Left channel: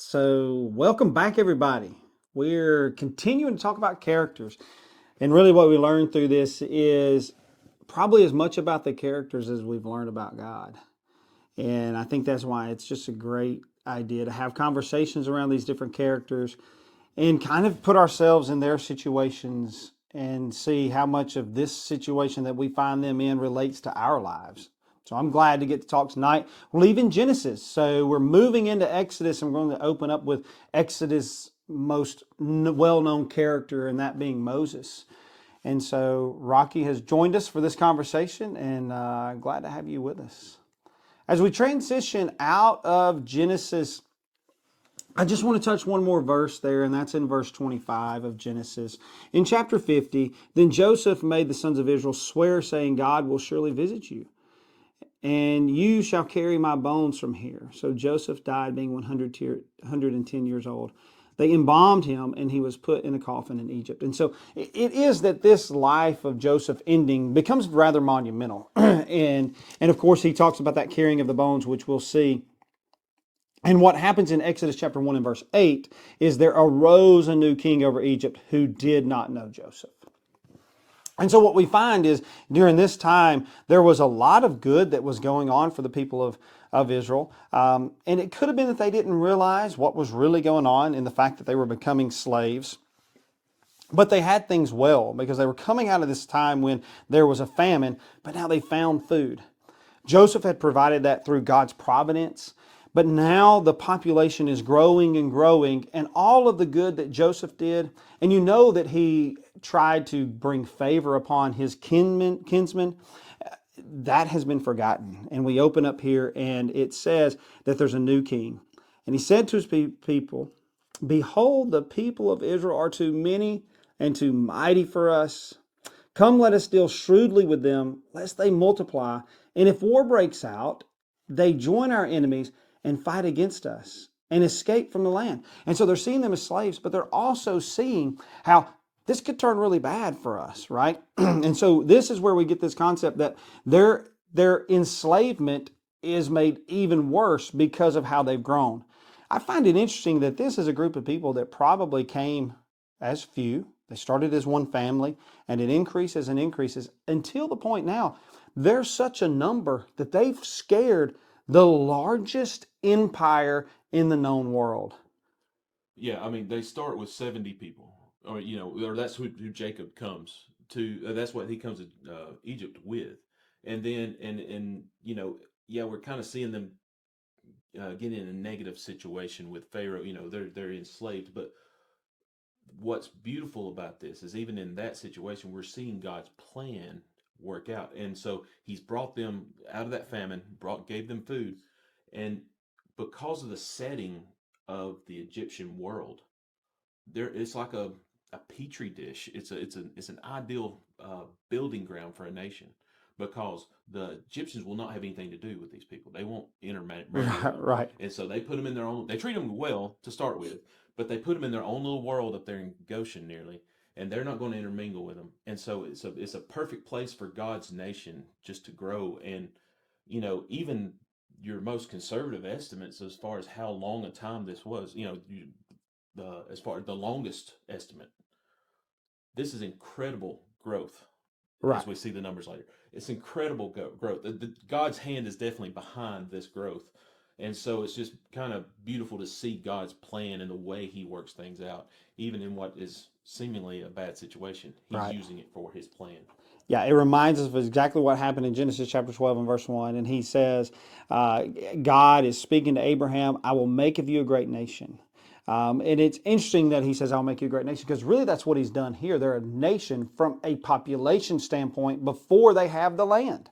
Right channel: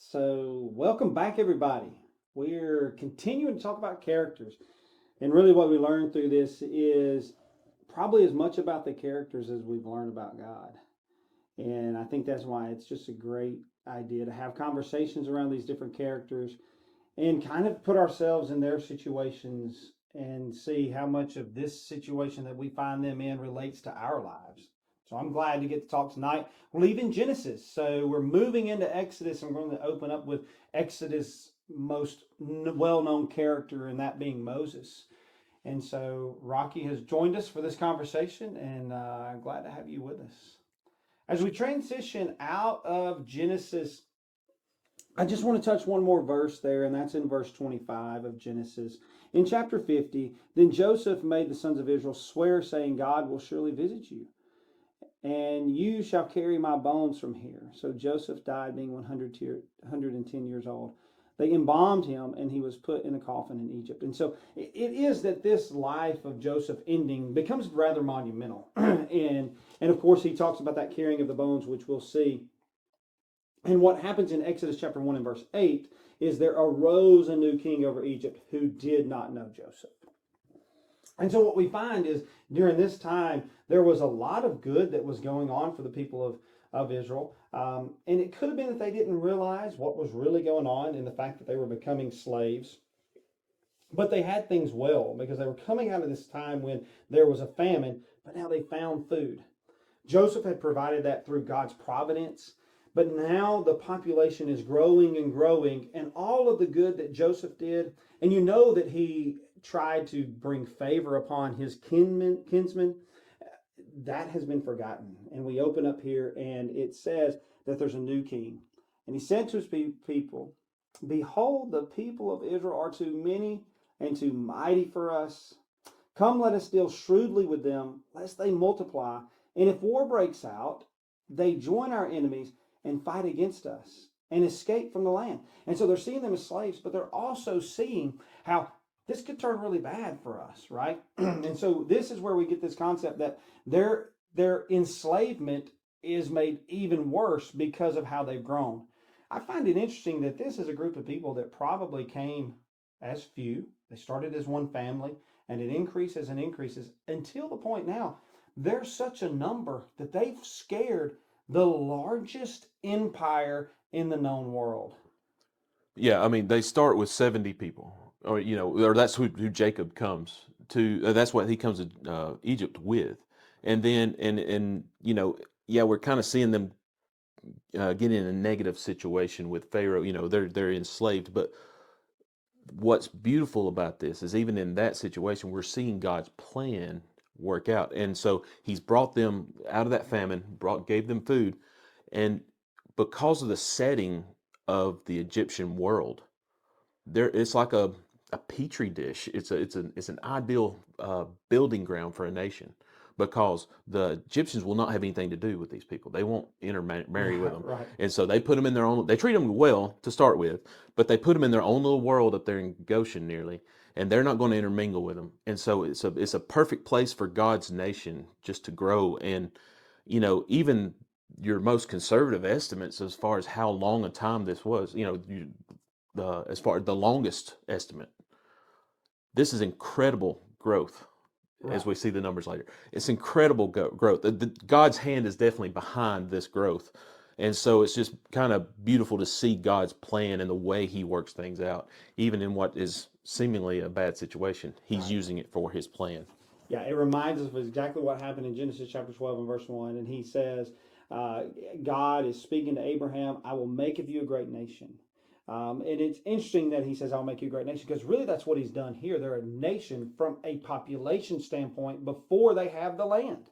So, welcome back, everybody. We're continuing to talk about characters. And really, what we learned through this is probably as much about the characters as we've learned about God. And I think that's why it's just a great idea to have conversations around these different characters and kind of put ourselves in their situations and see how much of this situation that we find them in relates to our lives. So I'm glad to get to talk tonight. We're leaving Genesis. So we're moving into Exodus, and we're going to open up with Exodus' most well-known character, and that being Moses. And so Rocky has joined us for this conversation, and glad to have you with us. As we transition out of Genesis, I just want to touch one more verse there, and that's in verse 25 of Genesis. In chapter 50, then Joseph made the sons of Israel swear, saying, God will surely visit you, and you shall carry my bones from here. So Joseph died, being 110 years old. They embalmed him, and he was put in a coffin in Egypt. And so it is that this life of Joseph ending becomes rather monumental. and of course, he talks about that carrying of the bones, which we'll see. And what happens in Exodus chapter 1 and verse 8 is there arose a new king over Egypt who did not know Joseph. And so what we find is during this time, there was a lot of good that was going on for the people of Israel. And it could have been that they didn't realize what was really going on in the fact that they were becoming slaves. But they had things well because they were coming out of this time when there was a famine, but now they found food. Joseph had provided that through God's providence. But now the population is growing and growing, and all of the good that Joseph did, and you know that he tried to bring favor upon his kinsmen, that has been forgotten. And we open up here, and it says that there's a new king. And he said to his people, behold, the people of Israel are too many and too mighty for us. Come, let us deal shrewdly with them, lest they multiply. And if war breaks out, they join our enemies and fight against us and escape from the land. And so they're seeing them as slaves, but they're also seeing how this could turn really bad for us, right? And so this is where we get this concept that their enslavement is made even worse because of how they've grown. I find it interesting that this is a group of people that probably came as few. They started as one family, and it increases and increases until the point now they're such a number that they've scared the largest empire in the known world. Yeah, I mean, they start with 70 people, or that's who Jacob comes to. That's what he comes to Egypt with, and then yeah, we're kind of seeing them get in a negative situation with Pharaoh. They're enslaved, but what's beautiful about this is even in that situation, we're seeing God's plan work out, and so He's brought them out of that famine, gave them food, and because of the setting of the Egyptian world there it's like a petri dish. It's an ideal building ground for a nation because the Egyptians will not have anything to do with these people. They won't intermarry with them, Right. and so they put them in their own. They treat them well to start with, but they put them in their own little world up there in Goshen nearly, and they're not going to intermingle with them. And so it's a perfect place for God's nation just to grow. And even your most conservative estimates as far as how long a time this was, as far as the longest estimate. This is incredible growth Right. as we see the numbers later. It's incredible growth. God's hand is definitely behind this growth. And so it's just kind of beautiful to see God's plan and the way He works things out, even in what is seemingly a bad situation. He's Right. using it for His plan. Yeah, it reminds us of exactly what happened in Genesis chapter 12 and verse 1. And he says, uh, God is speaking to Abraham, I will make of you a great nation. And it's interesting that he says, I'll make you a great nation, because really that's what he's done here. They're a nation from a population standpoint before they have the land.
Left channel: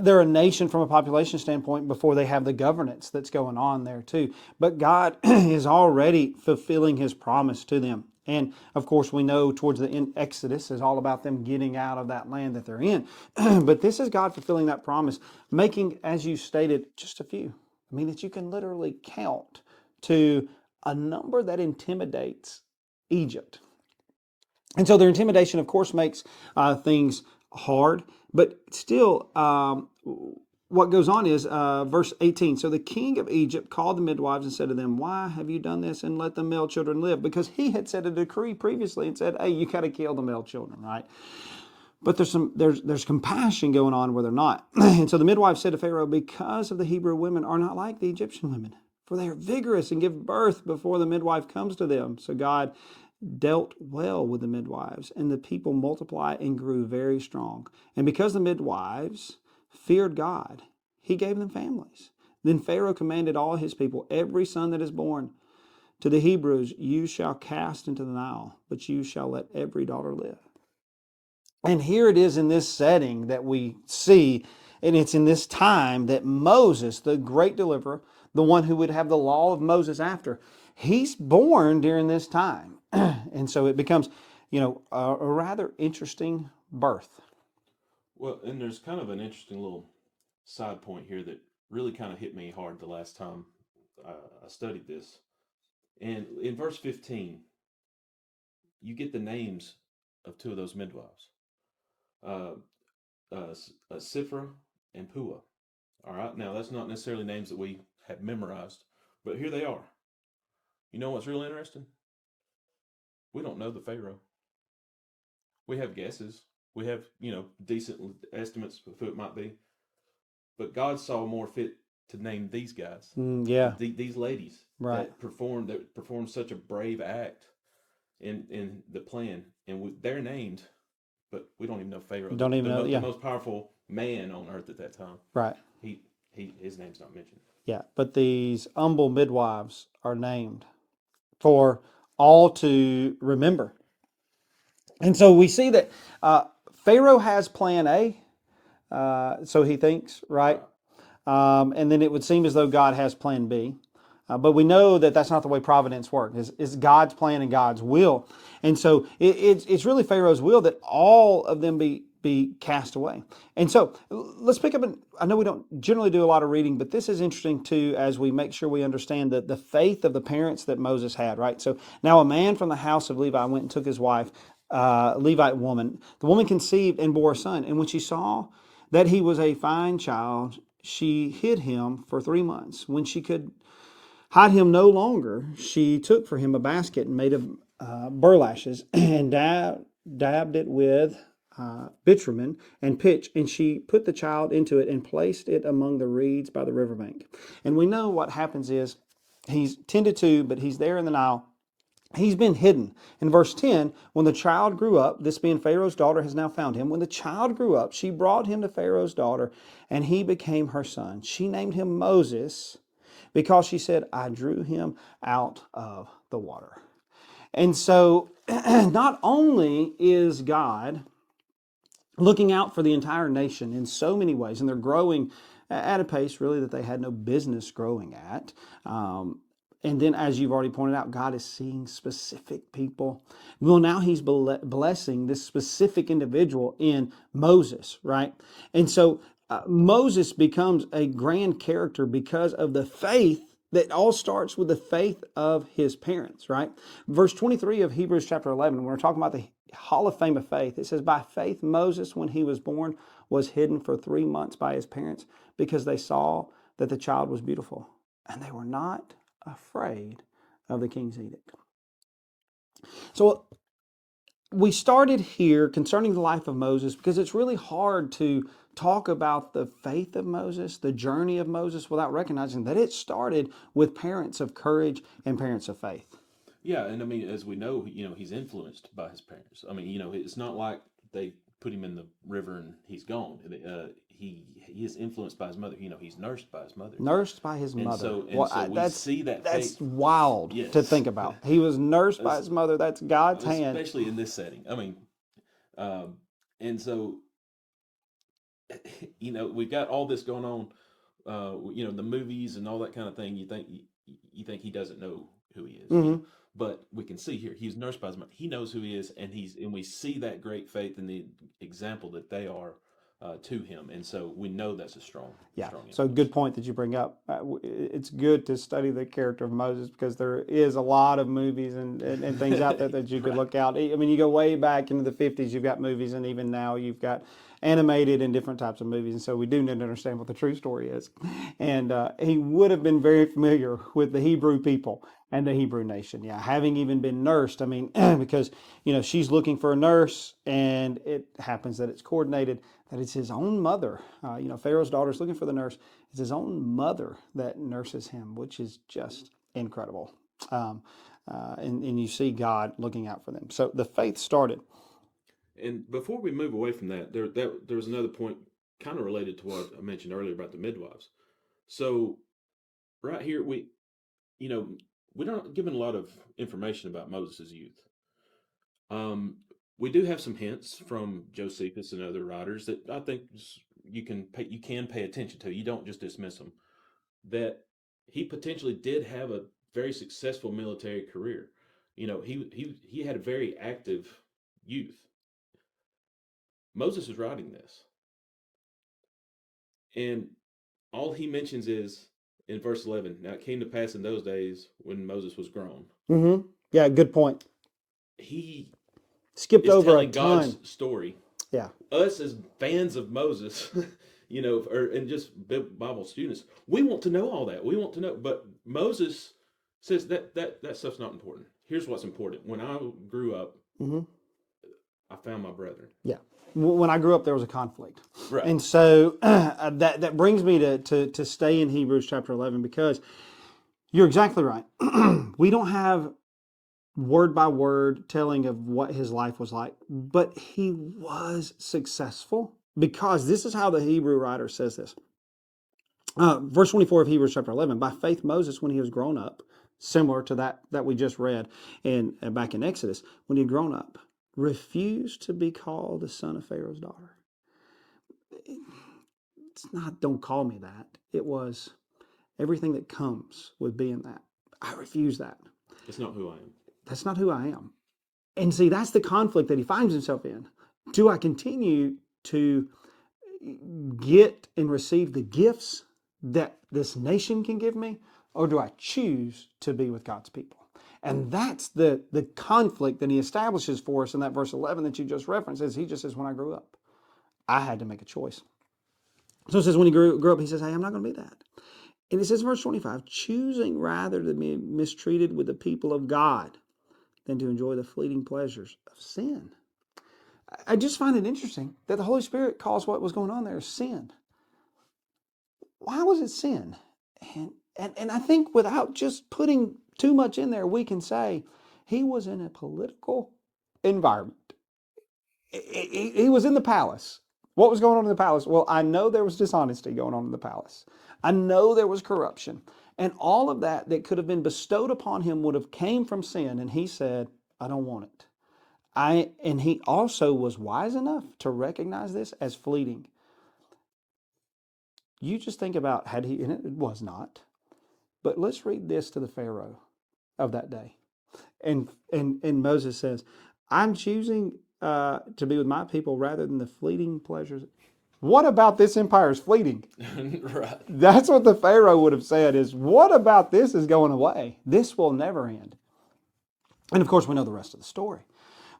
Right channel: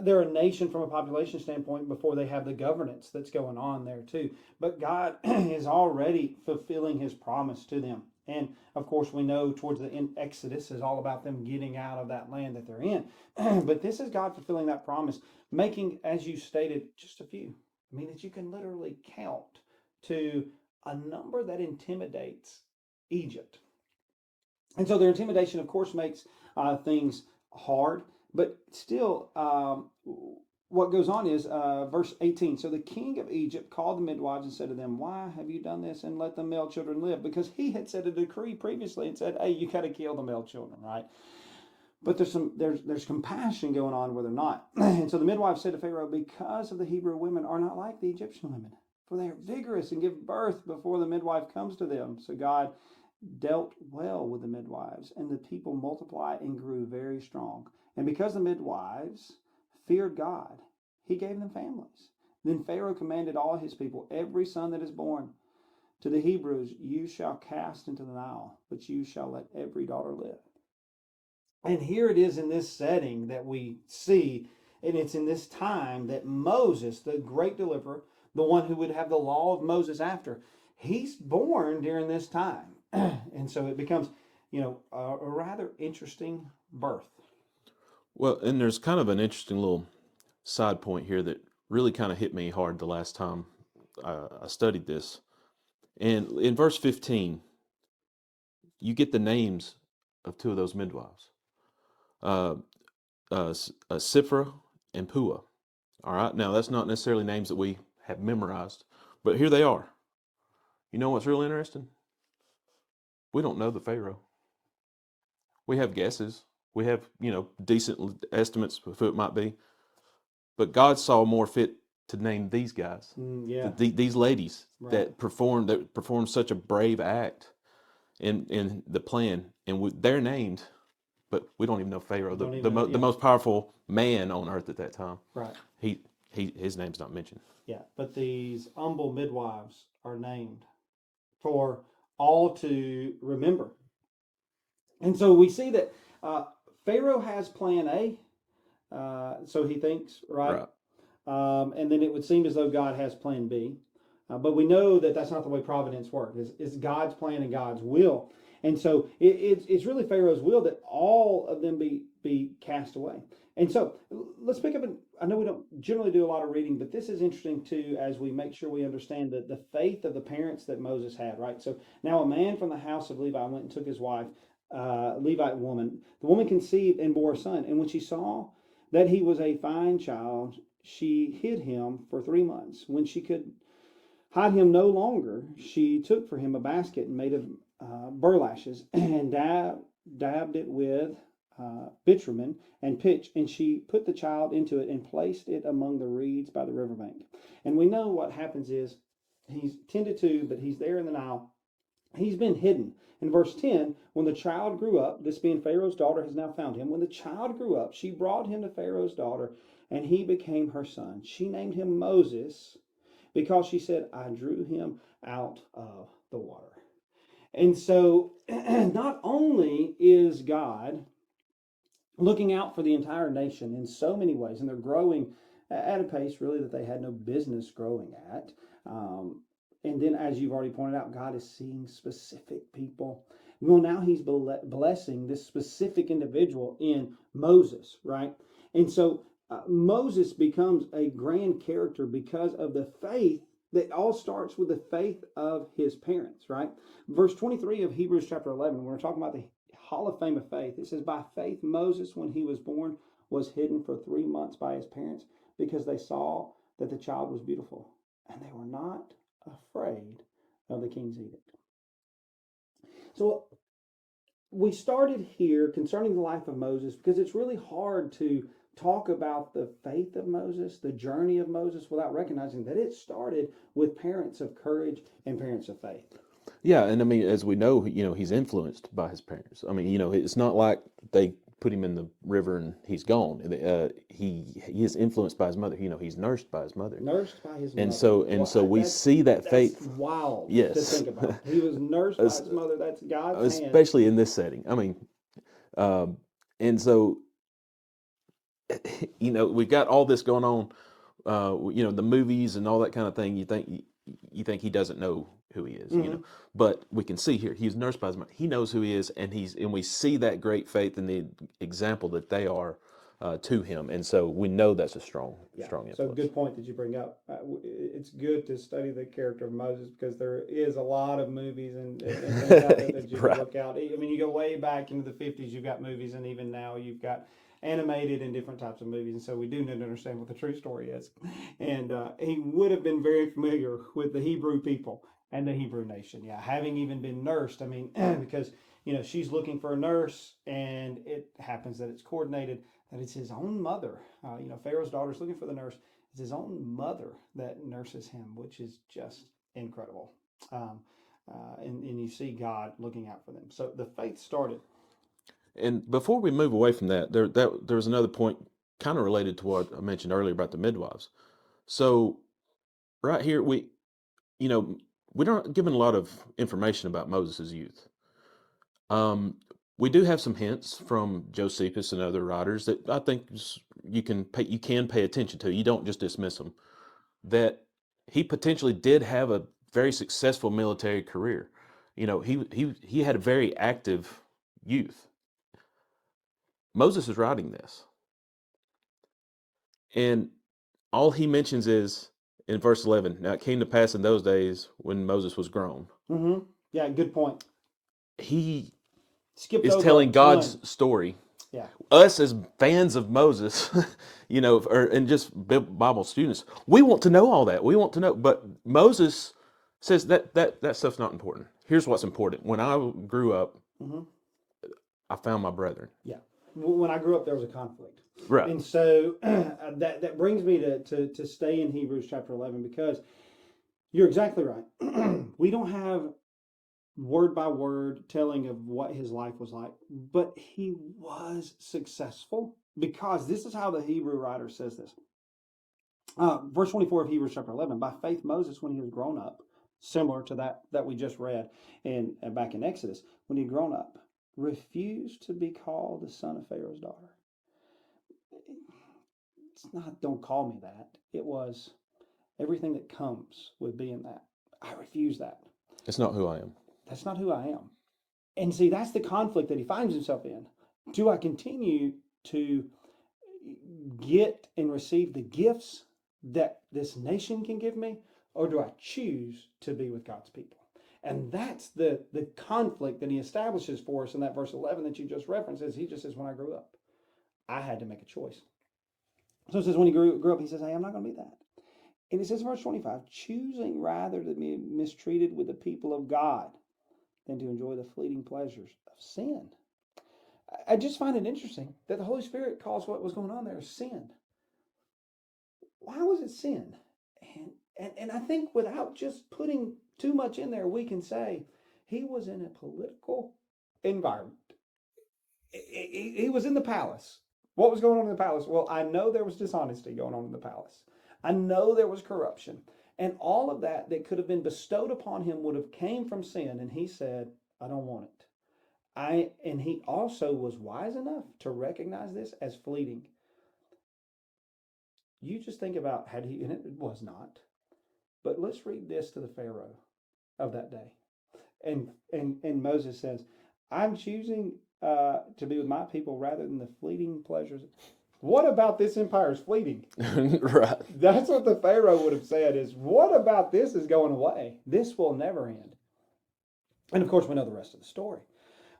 They're a nation from a population standpoint before they have the governance that's going on there too. But God is already fulfilling his promise to them. And of course, we know towards the end, Exodus is all about them getting out of that land that they're in. But this is God fulfilling that promise, making, as you stated, just a few. I mean, that you can literally count to a number that intimidates Egypt. And so their intimidation, of course, makes things hard, but still, what goes on is verse 18. So the king of Egypt called the midwives and said to them, "Why have you done this and let the male children live?" Because he had set a decree previously and said, "Hey, you got to kill the male children," right? But there's compassion going on where they're not. And so the midwife said to Pharaoh, "Because of the Hebrew women are not like the Egyptian women, for they are vigorous and give birth before the midwife comes to them." So God dealt well with the midwives, and the people multiplied and grew very strong. And because the midwives feared God, he gave them families. Then Pharaoh commanded all his people, "Every son that is born to the Hebrews you shall cast into the Nile, but you shall let every daughter live." And here it is in this setting that we see, and it's in this time that Moses, the great deliverer, the one who would have the law of Moses after, he's born during this time. And so it becomes, a rather interesting birth. Well, and there's kind of an interesting little side point here that really kind of hit me hard the last time I studied this. And in verse 15, you get the names of two of those midwives, uh, Sifra and Pua. All right, now that's not necessarily names that we have memorized, but here they are. You know what's really interesting? We don't know the Pharaoh. We have guesses. We have, decent estimates of who it might be. But God saw more fit to name these guys, Yeah, these ladies right. that performed such a brave act in the plan, and they're named, but we don't even know Pharaoh, Don't even know. the Yeah, most powerful man on earth at that time. right. He his name's not mentioned. Yeah, but these humble midwives are named for all to remember. And so we see that uh, Pharaoh has plan A, so he thinks, right? Right. And then it would seem as though God has plan B. But we know that that's not the way providence works. It's God's plan and God's will. And so it's really Pharaoh's will that all of them be cast away. And so let's pick up, and I know we don't generally do a lot of reading, but this is interesting too as we make sure we understand the faith of the parents that Moses had, right? So now a man from the house of Levi went and took his wife, Levite woman. The woman conceived and bore a son. And when she saw that he was a fine child, she hid him for 3 months. When she could hide him no longer, she took for him a basket made of burlashes and dabbed it with bitumen and pitch, and she put the child into it and placed it among the reeds by the riverbank. And we know what happens is he's tended to, but he's there in the Nile. He's been hidden. In verse 10, when the child grew up, this being Pharaoh's daughter has now found him. When the child grew up, she brought him to Pharaoh's daughter, and he became her son. She named him Moses because she said, "I drew him out of the water." And so, not only is God looking out for the entire nation in so many ways, and they're growing at a pace really that they had no business growing at. And then, as you've already pointed out, God is seeing specific people. Well, now He's blessing this specific individual in Moses, right? And so Moses becomes a grand character because of the faith that all starts with the faith of his parents, right? Verse 23 of Hebrews chapter 11, when we're talking about the Hall of Fame of faith, it says, "By faith, Moses, when he was born, was hidden for 3 months by his parents because they saw that the child was beautiful, and they were not afraid of the king's edict." So we started here concerning the life of Moses because it's really hard to talk about the faith of Moses, the journey of Moses, without recognizing that it started with parents of courage and parents of faith. Yeah, and I mean, as we know, he's influenced by his parents. I mean, it's not like they put him in the river and he's gone. He is influenced by his mother. He's nursed by his mother, Nursed by his and mother. so we see that That's faith. wild to Yes, think about. He was nursed by es- his mother. That's God's hand. especially in this setting. I mean, um, and so we've got all this going on. The movies and all that kind of thing. You think he doesn't know who he is. Hmm. But we can see here he's nursed by his mother. He knows who he is, and we see that great faith and the example that they are to him, and so we know that's a strong, Yeah. strong So influence. good point that you bring up. It's good to study the character of Moses because there is a lot of movies and things out there that you could Right. look out. I mean, you go way back into the 50s, you've got movies, and even now you've got animated in different types of movies, and so we do need to understand what the true story is. And he would have been very familiar with the Hebrew people and the Hebrew nation. Yeah, having even been nursed. I mean, because she's looking for a nurse, and it happens that it's coordinated that it's his own mother. Pharaoh's daughter's looking for the nurse. It's his own mother that nurses him, which is just incredible. Um, and you see God looking out for them. So the faith started. And before we move away from that, there was another point kind of related to what I mentioned earlier about the midwives. So right here, you know, we're not given a lot of information about Moses' youth. Um, we do have some hints from Josephus and other writers that I think you can pay attention to. You don't just dismiss them. That he potentially did have a very successful military career. He had a very active youth. Moses is writing this, and all he mentions is in verse 11. Now it came to pass in those days when Moses was grown. Mm-hmm. Yeah, good point. He Skipped is over a telling God's ton. story. Yeah. Us as fans of Moses, and just Bible students, we want to know all that. We want to know, but Moses says that stuff's not important. Here's what's important. When I grew up, Mm-hmm. I found my brethren. Yeah. When I grew up, there was a conflict. Right. And so that brings me to stay in Hebrews chapter 11, because you're exactly right. We don't have word by word telling of what his life was like, but he was successful, because this is how the Hebrew writer says this. Verse 24 of Hebrews chapter 11, by faith Moses, when he was grown up, similar to that we just read back in Exodus, when he had grown up, refused to be called the son of Pharaoh's daughter. It's not, don't call me that. It was everything that comes with being that. I refuse that. It's not who I am. That's not who I am. And see, that's the conflict that he finds himself in. Do I continue to get and receive the gifts that this nation can give me, or do I choose to be with God's people? And that's the conflict that he establishes for us in that verse 11 that you just referenced. Is he just says, when I grew up, I had to make a choice. So it says when he grew up, he says, hey, I'm not going to be that. And it says in verse 25, choosing rather to be mistreated with the people of God than to enjoy the fleeting pleasures of sin. I just find it interesting that the Holy Spirit calls what was going on there sin. Why was it sin? And I think without just putting too much in there, we can say he was in a political environment. He was in the palace. What was going on in the palace? Well, I know there was dishonesty going on in the palace. I know there was corruption. And all of that that could have been bestowed upon him would have came from sin. And he said, I don't want it. And he also was wise enough to recognize this as fleeting. You just think about had he, and it was not. But let's read this to the Pharaoh of that day. And Moses says, I'm choosing to be with my people rather than the fleeting pleasures. What about this empire is fleeting? Right. That's what the Pharaoh would have said is, what about this is going away? This will never end. And of course, we know the rest of the story.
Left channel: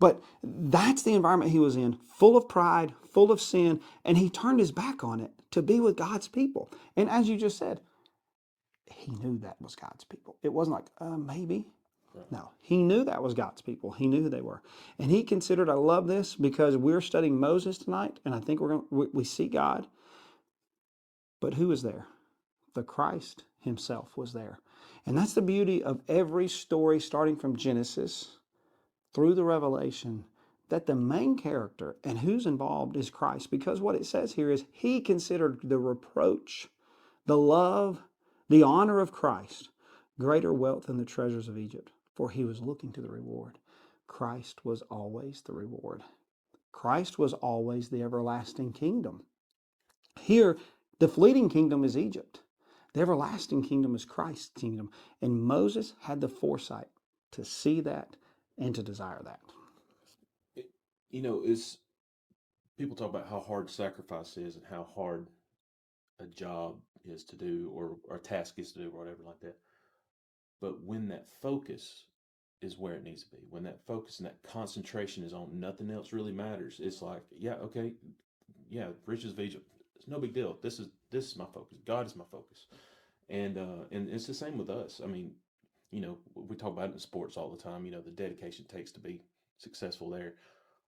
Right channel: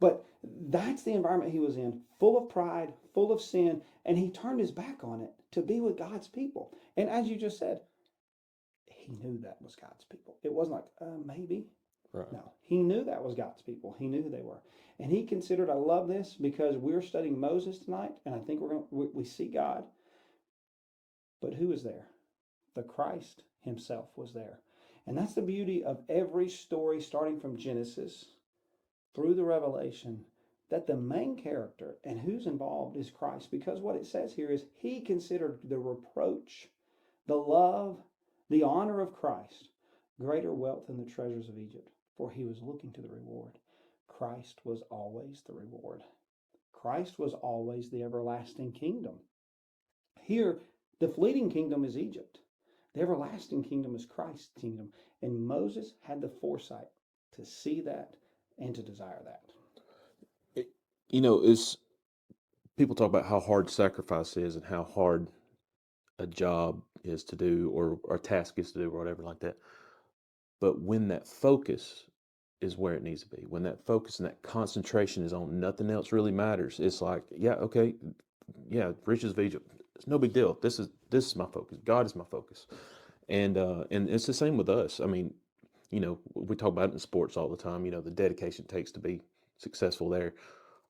But that's the environment he was in, full of pride, full of sin, and he turned his back on it to be with God's people. And as you just said, he knew that was God's people. It wasn't like, maybe. Right. No, he knew that was God's people. He knew who they were. And he considered, I love this because we're studying Moses tonight, and I think we see God. But who was there? The Christ himself was there. And that's the beauty of every story starting from Genesis through the Revelation, that the main character and who's involved is Christ. Because what it says here is he considered the reproach, the love, the honor of Christ greater wealth than the treasures of Egypt, for he was looking to the reward. Christ was always the reward. Christ was always the everlasting kingdom. Here, the fleeting kingdom is Egypt. The everlasting kingdom is Christ's kingdom. And Moses had the foresight to see that and to desire that. Is people talk about how hard sacrifice is and how hard a job is to do or a task is to do or whatever like that. But when that focus is where it needs to be, when that focus and that concentration is on nothing else really matters, it's like, yeah, okay, riches of Egypt. It's no big deal. This is my focus. God is my focus, and it's the same with us. I mean, we talk about it in sports all the time. The dedication it takes to be successful there.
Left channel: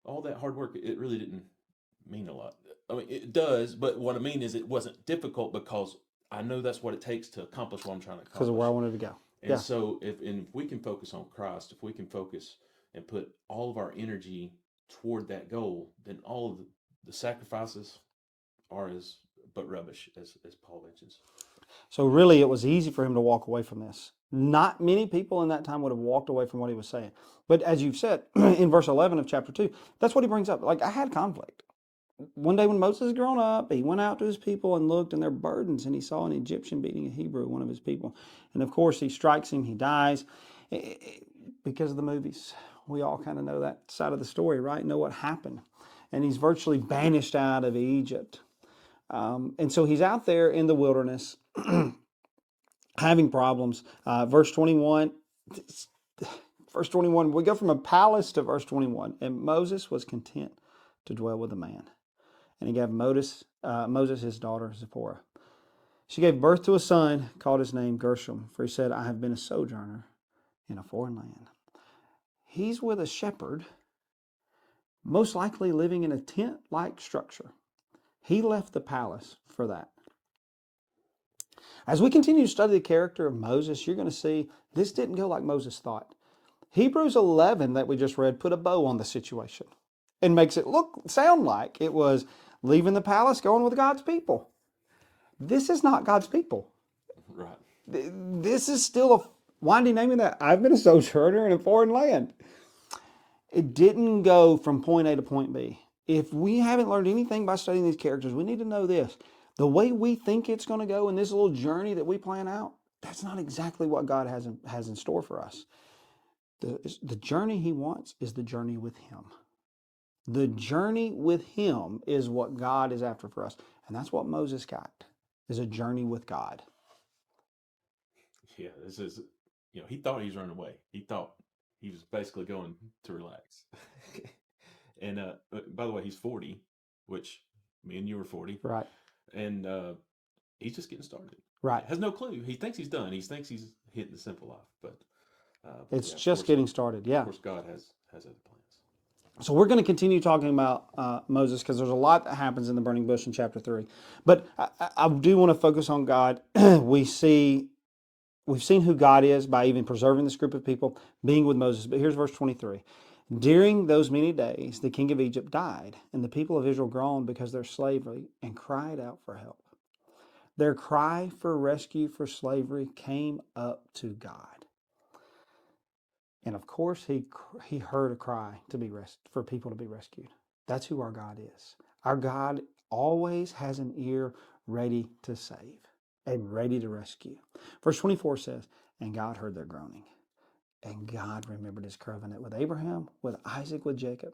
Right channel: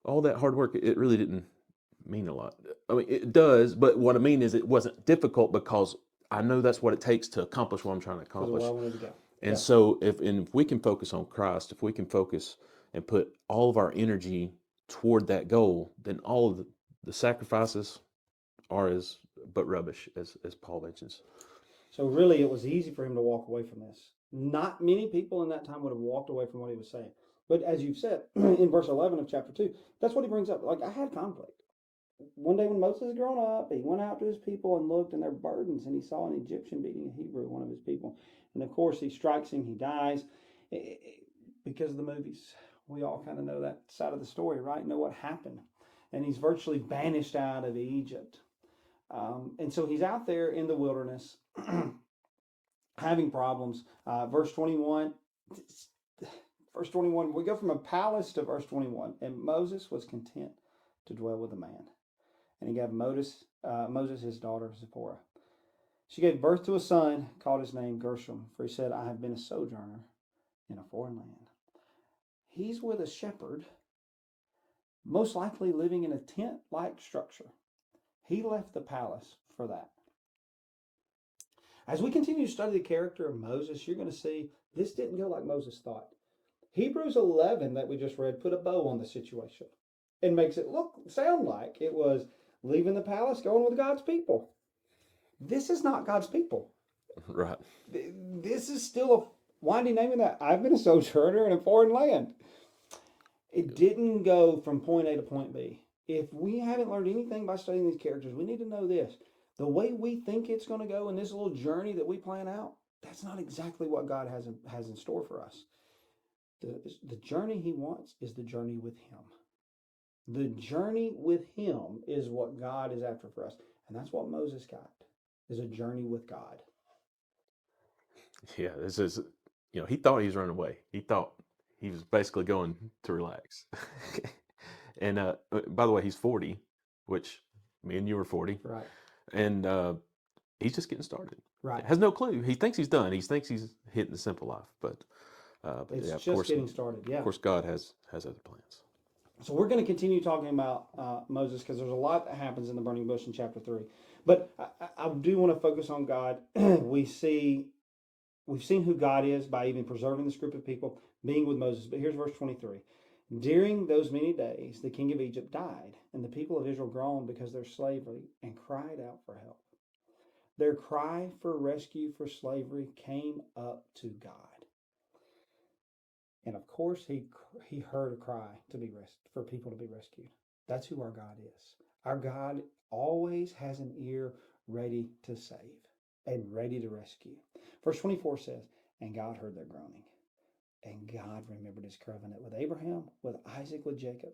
All that hard work, it really didn't mean a lot. I mean, it does, but what I mean is it wasn't difficult because I know that's what it takes to accomplish what I'm trying to Because of where I accomplish. wanted to go. And so if we can focus on Christ, if we can focus and put all of our energy toward that goal, then all of the sacrifices are as but rubbish, as Paul mentions. So really, it was easy for him to walk away from this. Not many people in that time would have walked away from what he was saying. But as you've said in verse 11 of chapter 2, that's what he brings up. Like, I had conflict. One day when Moses had grown up, he went out to his people and looked, and their burdens, and he saw an Egyptian beating a Hebrew, one of his people. And of course, he strikes him, he dies because of the movies. We all kind of know that side of the story, right? Know what happened. And he's virtually banished out of Egypt. And so he's out there in the wilderness having problems. Verse 21, we go from a palace to verse 21. And Moses was content to dwell with a man. And he gave Moses his daughter Zipporah. She gave birth to a son, called his name Gershom, for he said, I have been a sojourner in a foreign land. He's with a shepherd, most likely living in a tent-like structure. He left the palace for that. As we continue to study the character of Moses, you're going to see this didn't go like Moses thought. Hebrews 11 that we just read put a bow on the situation and makes it sound like it was leaving the palace, going with God's people. This is not God's people. Right. This is still a, why did he name it that? I've been a sojourner in a foreign land. It didn't go from point A to point B. If we haven't learned anything by studying these characters, we need to know this. The way we think it's going to go in this little journey that we plan out, that's not exactly what God has in store for us. The journey he wants is the journey with him. The journey with him is what God is after for us. And that's what Moses got, is a journey with God. Yeah, this is, he thought he was running away. He thought he was basically going to relax. And by the way, he's 40, which me and you were 40. Right. And he's just getting started. Right. Has no clue. He thinks he's done. He thinks he's hitting the simple life, but it's yeah, just getting started. Yeah. Of course, God has other plans. So we're going to continue talking about Moses because there's a lot that happens in the burning bush in chapter 3. But I do want to focus on God. We've seen who God is by even preserving this group of people, being with Moses. But here's verse 23. During those many days, the king of Egypt died, and the people of Israel groaned because of their slavery and cried out for help. Their cry for rescue for slavery came up to God. And of course, he heard a cry for people to be rescued. That's who our God is. Our God always has an ear ready to save and ready to rescue. Verse 24 says, and God heard their groaning. And God remembered his covenant with Abraham, with Isaac, with Jacob.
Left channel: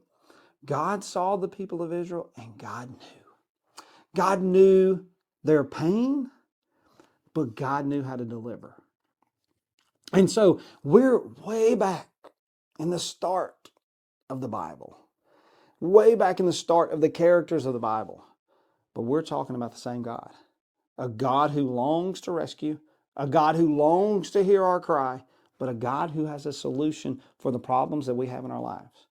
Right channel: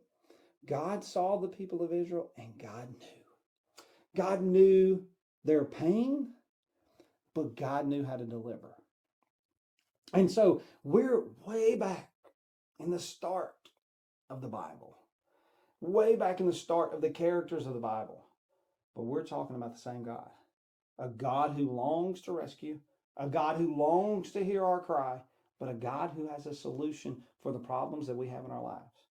God saw the people of Israel, and God knew. God knew their pain, but God knew how to deliver. And so we're way back in the start of the Bible, way back in the start of the characters of the Bible. But we're talking about the same God, a God who longs to rescue, a God who longs to hear our cry, but a God who has a solution for the problems that we have in our lives.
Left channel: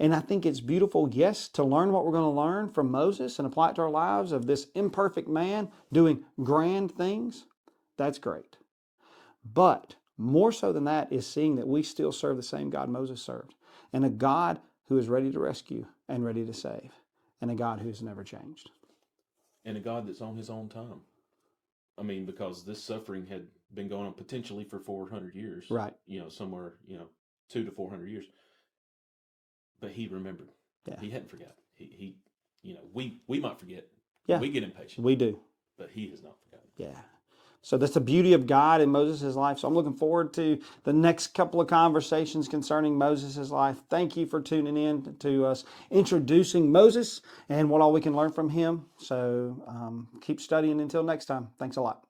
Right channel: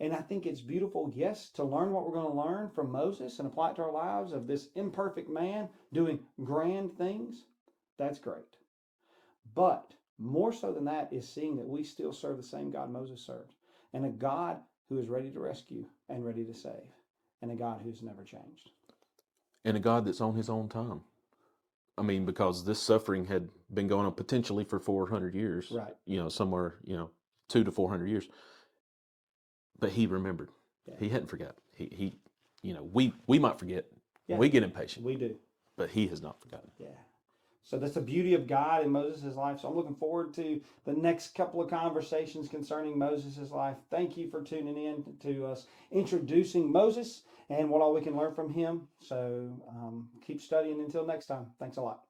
And I think it's beautiful, yes, to learn what we're going to learn from Moses and apply it to our lives of this imperfect man doing grand things. That's great. But more so than that is seeing that we still serve the same God Moses served, and a God who is ready to rescue and ready to save, and a God who's never changed. And a God that's on his own time. I mean, because this suffering had been going on potentially for 400 years. Right. Somewhere, 200 to 400 years. But he remembered. Yeah. He hadn't forgotten. He we might forget. Yeah. We get impatient. We do. But he has not forgotten. Yeah. So that's the beauty of God in Moses' life. So I'm looking forward to the next couple of conversations concerning Moses' life. Thank you for tuning in to us introducing Moses and what all we can learn from him. So keep studying until next time. Thanks a lot.